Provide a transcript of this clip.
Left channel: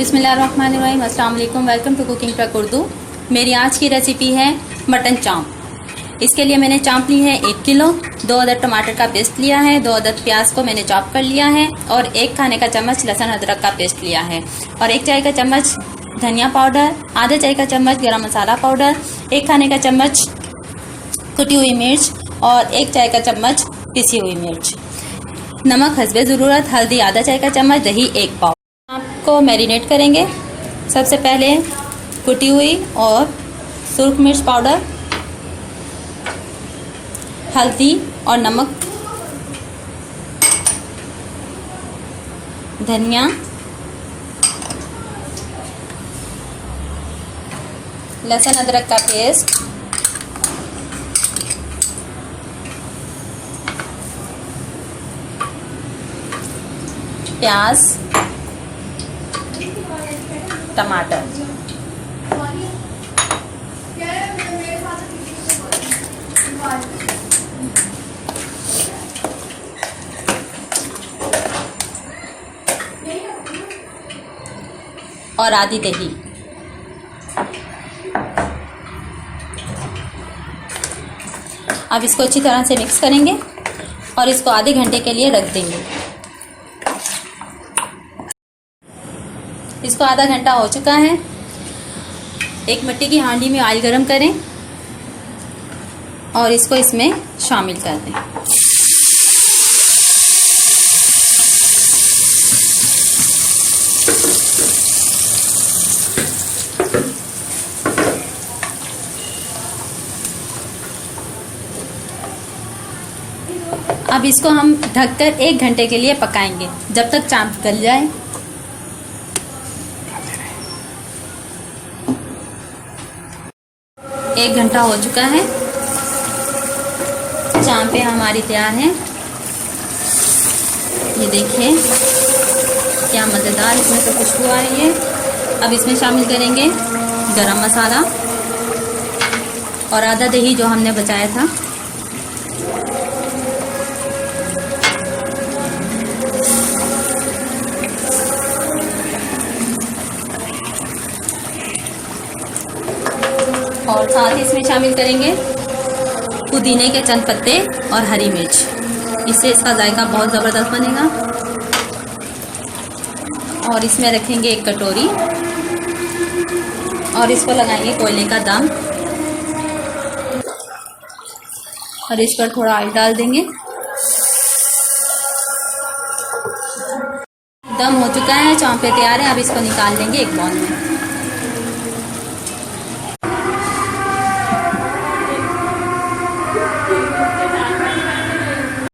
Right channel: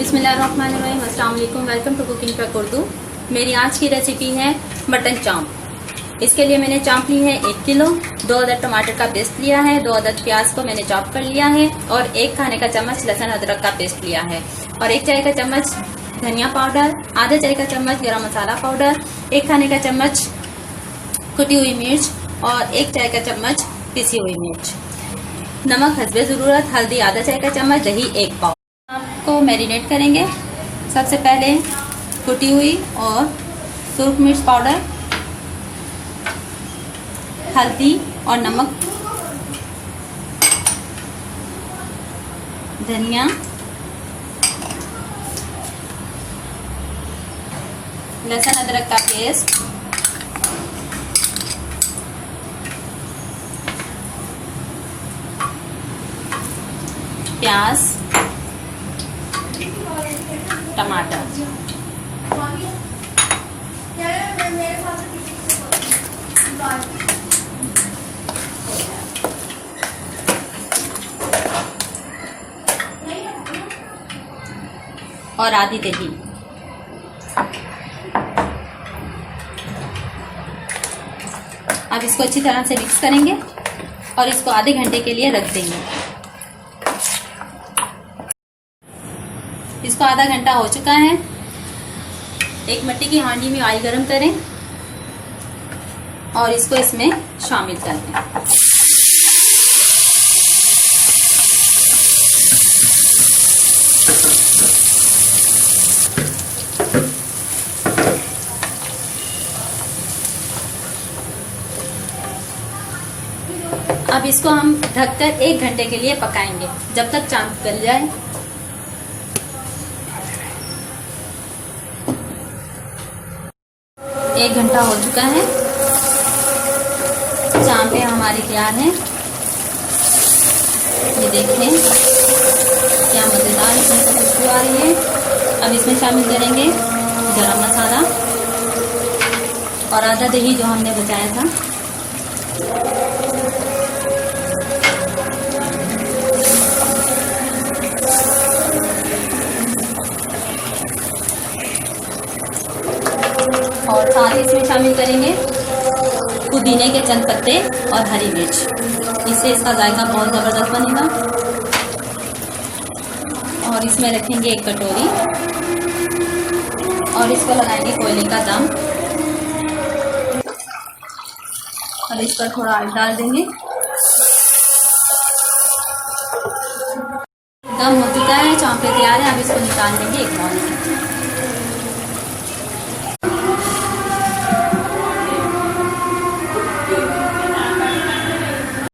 बिस्मिल्लाहिर्रहमानिर्रहीम। अस्सलाम वालेकुम। Welcome to cooking truck Urdu. मेरी आज की रेसिपी है मटन चाँप। इसके लिए मैंने चाँप ली है 1 किलो, 2 अदद टमाटर का पेस्ट लिया है, 2 अदद प्याज को मैंने चॉप कर लिया है और 1 खाने का चम्मच लहसुन अदरक का पेस्ट लिया है और 1 चाय का चम्मच धनिया पाउडर, आधा चाय का चम्मच गरम मसाला पाउडर, 1 खाने का चम्मच कुटी हुई मिर्च और 1 चाय का चम्मच पिसी हुई मिर्च। नमक हस्बे ज़रूरत, हल्दी आधा चाय का चम्मच, दही 1 पाव। को मैरिनेट करेंगे। सबसे पहले कुटी हुई और सुर्ख मिर्च पाउडर, हल्दी और नमक, धनिया, लहसुन अदरक का पेस्ट, प्याज, टमाटर, और आधी दही। अब इसको अच्छी तरह से मिक्स करेंगे और इसको आधे घंटे के लिए रख देंगे। इसको आधा घंटा हो चुका है। एक मिट्टी की हांडी में ऑयल गरम करें और इसको इसमें शामिल कर दें। अब इसको हम ढककर 1 घंटे के लिए पकाएंगे जब तक चाँप गल जाए। एक घंटा हो चुका है। चाँपें हमारी तैयार हैं। ये देखें क्या मज़ेदार इसमें से खुशबू आ रही है। अब इसमें शामिल करेंगे गरम मसाला और आधा दही जो हमने बचाया था। और साथ ही इसमें शामिल करेंगे पुदीने के चंद पत्ते और हरी मिर्च। इससे इसका जायका बहुत ज़बरदस्त बनेगा। और इसमें रखेंगे 1 कटोरी और इसको लगाएंगे कोयले का दम और इस पर थोड़ा ऑयल डाल देंगे। दम हो चुका है, चाँपें तैयार है। अब इसको निकाल लेंगे एक बाउल में।